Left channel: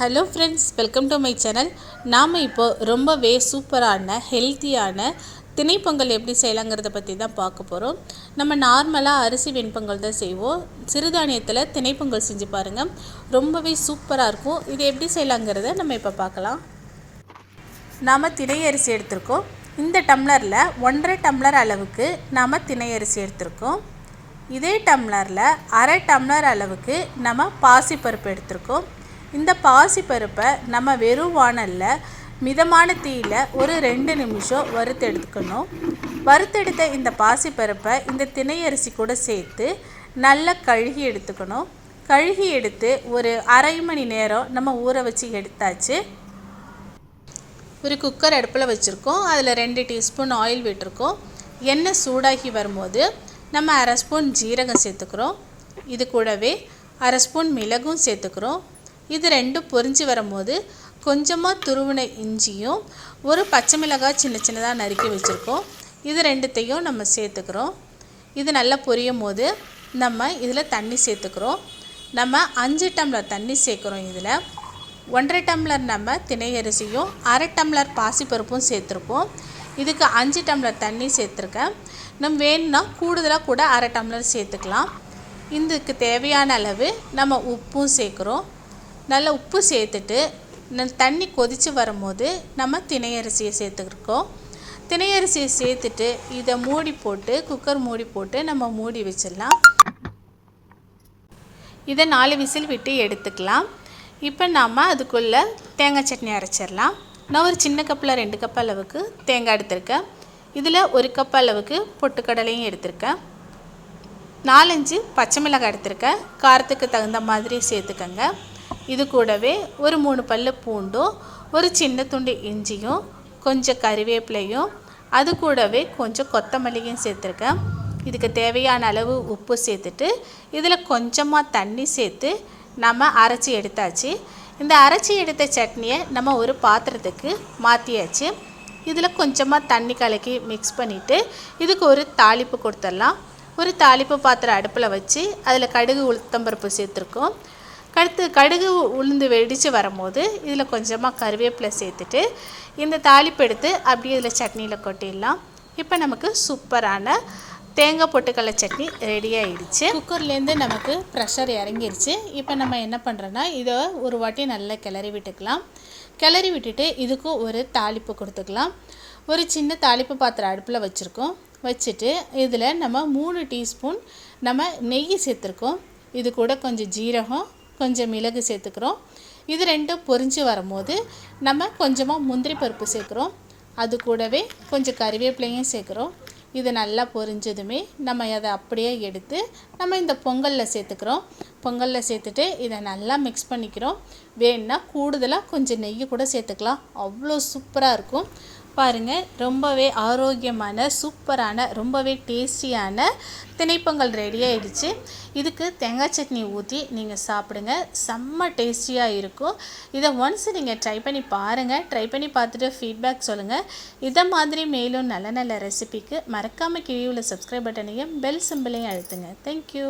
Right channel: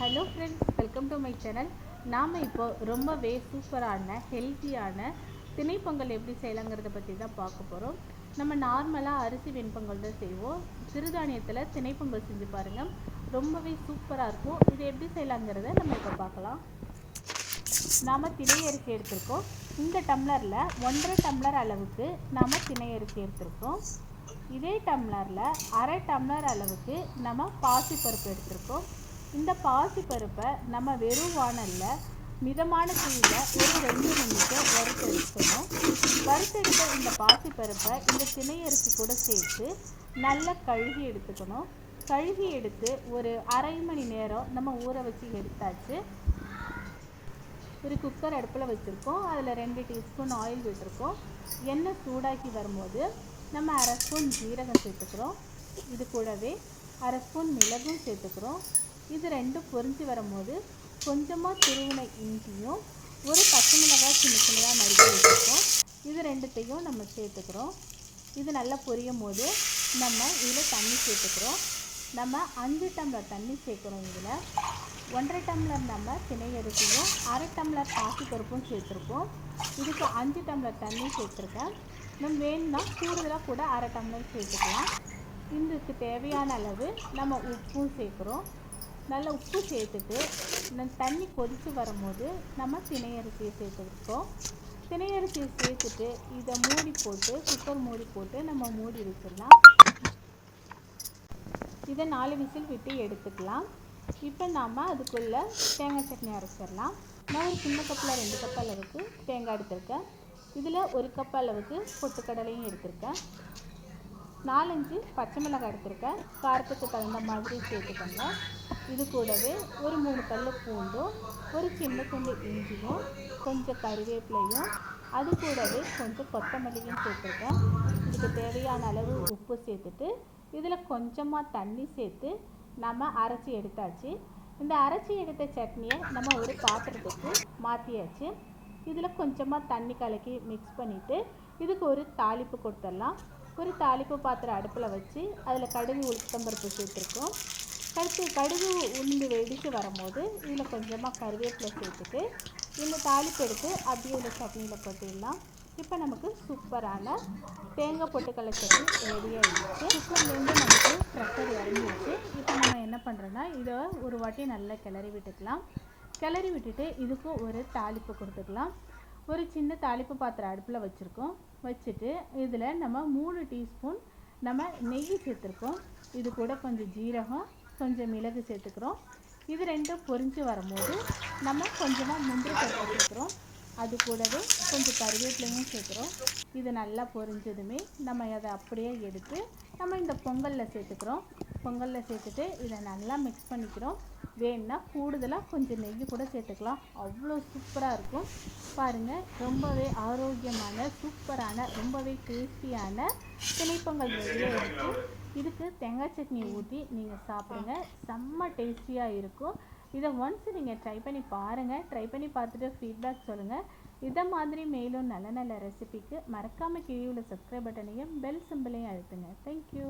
Hello friends welcome to my channel நாம் இப்போ ரொம்பவே சூப்பரான ஹெல்த்தியான திணைப்பொங்கல் எப்படி செய்யலாங்கிறத பற்றி தான் பார்க்க போகிறோம் நம்ம நார்மலாக அரிசி வெண்பொங்கல் தான் செய்வோம். சிறுதானியத்தில் திணைப்பொங்கல் செஞ்சு பாருங்கள் ரொம்பவே சூப்பராக இருக்கும். இது எப்படி செய்யலாங்கிறத நம்ம இப்போ பார்க்கலாம். நாம் திணை அரிசி எடுத்திருக்கோம். இந்த டம்ளரில் ஒன்றரை டம்ளர் அளவுக்கு நாம் திணை அரிசி எடுத்திருக்கோம். இதே டம்ளரில் அரை டம்ளர் அளவுக்கு நம்ம பாசிப்பருப்பு எடுத்திருக்கோம். இந்த பாசிப்பருப்பை நம்ம வெறும் வானலில் மிதமான தீயில் ஒரு ரெண்டு நிமிஷம் வறுத்தெடுக்கணும். வறுத்தெடுத்த இந்த பாசிப்பருப்பை இந்த திணையரிசி கூட சேர்த்து நல்லா கழுகி எடுத்துக்கணும். கழுகி எடுத்து ஒரு அரை மணி நேரம் நம்ம ஊற வச்சு எடுத்தாச்சு. ஒரு குக்கர் அடுப்பில் வச்சுருக்கோம். அதில் ரெண்டு டீஸ்பூன் ஆயில் விட்டுருக்கோம். எண்ணெய் சூடாகி வரும்போது நம்ம அரை ஸ்பூன் ஜீரகம் சேர்த்துக்கிறோம். இது கூடவே அரை ஸ்பூன் மிளகும் சேர்த்துக்கிறோம். இது ரெண்டும் பொரிஞ்சு வரும்போது கொஞ்சமாக துருவின இஞ்சியும் ஒரு பச்சை மிளகாய் சின்ன சின்னதாக நறுக்கி வச்சுருக்கோம். இது ரெண்டுத்தையும் நம்ம சேர்த்துக்கிறோம். இது நல்லா பொரியும் போது நம்ம இதில் தண்ணி சேர்த்துக்கிறோம். நம்ம அஞ்சு டம்ளர் தண்ணி சேர்க்குறோம் இதில். ஒன்றரை டம்ளர் நம்ம திணை அரிசியும் அரை டம்ளர் பாசிப்பருப்பும் சேர்த்துருப்போம். இதுக்கு அஞ்சு டம்ளர் தண்ணி சேர்த்துருக்கேன். நம்ம வேணும்னா கூடுதலாக கூட அரை டம்ளர் சேர்த்துக்கலாம். இதுக்கு தேவையான அளவு நம்ம உப்பும் சேர்க்குறோம். நல்லா உப்பு சேர்த்துட்டு தண்ணி கொதித்து வரும்போது நம்ம திணையரிசியை சேர்த்துருக்கோம் திணையரிசியை சேர்த்துட்டு இதை மூடி போட்டு குக்கர் மூடி போட்டு நம்ம மூடி வச்சிடலாம். இதை நாலு விசில் விட்டு எடுத்துக்கலாம். இப்போ நாம் அதுக்குள்ளே தேங்காய் சட்னி அரைச்சிடலாம். நான் ஒரு சின்ன கப்பில் ரெண்டு கப் அளவுக்கு தேங்காய் எடுத்திருக்கேன். இதில் ஒரு கப் அளவுக்கு பொட்டுக்கடலையும் எடுத்திருக்கேன். நாலஞ்சு பச்சை மிளகாய் எடுத்திருக்கேன். காரத்துக்கு தகுந்த மாதிரி சேர்த்துக்கோங்க. இது கூடவே ஒரு மூணு பல் பூண்டும் ஒரு சின்ன துண்டு இஞ்சியும் கொஞ்சம் கறிவேப்பிலையும் அது கூடவே கொஞ்சம் கொத்தமல்லியும் சேர்த்துருக்கேன். இதுக்கு தேவையான அளவு உப்பு சேர்த்துட்டு இதில் கொஞ்சமாக தண்ணி சேர்த்து நம்ம அரைச்சி எடுத்தாச்சு. இந்த அரைச்சி எடுத்த சட்னியை நம்ம ஒரு பாத்திரத்துக்கு மாற்றியாச்சு இதில் கொஞ்சமாக தண்ணி கலக்கி மிக்ஸ் பண்ணிவிட்டு இதுக்கு ஒரு தாளிப்பு கொடுத்துடலாம். ஒரு தாளிப்பு பாத்திரம் அடுப்பில் வச்சு அதில் கடுகு உளுத்தம்பருப்பு சேர்த்துருக்கோம். அடுத்து கடுகு உளுந்து வெடித்து வரும்போது இதில் கொஞ்சமாக கருவேப்பிலை சேர்த்துட்டு இந்த தாளிப்பு எடுத்து அப்படியே இதில் சட்னியில் கொட்டிடலாம். இப்போ நமக்கு சூப்பரான தேங்காய் பொட்டுக்கடலை சட்னி ரெடி ஆகிடுச்சு குக்கர்லேருந்து நமக்கு ப்ரெஷர் இறங்கிருச்சு. இப்போ நம்ம என்ன பண்ணுறோன்னா இதை ஒரு வாட்டி நல்லா கிளறி விட்டுக்கலாம். கிளறி விட்டுட்டு இதுக்கும் ஒரு தாளிப்பு கொடுத்துக்கலாம். ஒரு சின்ன தாளிப்பு பாத்திரம் அடுப்பில் வச்சுருக்கோம். வச்சுட்டு இதில் நம்ம மூணு டீஸ்பூன் நம்ம நெய் சேர்த்துருக்கோம். இது கூட கொஞ்சம் ஜீரகம் கொஞ்சம் மிளகு சேர்த்துக்கிறோம். இது ரெண்டும் பொரிஞ்சு வரும்போது நம்ம கொஞ்சமாக முந்திரி பருப்பு சேர்க்குறோம். அது கூடவே கொஞ்சம் கருவேப்பிலையும் சேர்க்குறோம். இது நல்லா பொரிஞ்சதுமே நம்ம அதை அப்படியே எடுத்து நம்ம இந்த பொங்கலில் சேர்த்துக்கிறோம். பொங்கலில் சேர்த்துட்டு இதை நல்லா மிக்ஸ் பண்ணிக்கிறோம். வேணுன்னா கூடுதலாக கொஞ்சம் நெய் கூட சேர்த்துக்கலாம். அவ்வளோ சூப்பராக இருக்கும். பாருங்கள் ரொம்பவே ஆரோக்கியமான சூப்பரான ரொம்பவே டேஸ்டியான திணைப்பொங்கல் ரெடி ஆயிடுச்சு. இதுக்கு தேங்காய் சட்னி ஊற்றி நீங்கள் சாப்பிடுங்க. செம்ம டேஸ்டியாக இருக்கும். இதை ஒன்ஸ் நீங்கள் ட்ரை பண்ணி பாருங்கள் ட்ரை பண்ணி பார்த்துட்டு ஃபீட்பேக் சொல்லுங்கள் இதை மாதிரி மேலும் நல்ல நல்ல ரெசிபிக்கு மறக்காமல் கீழே உள்ள சப்ஸ்கிரைப் பட்டனையும் பெல் சிம்பிளையும் அழுத்துங்க. தேங்க்யூ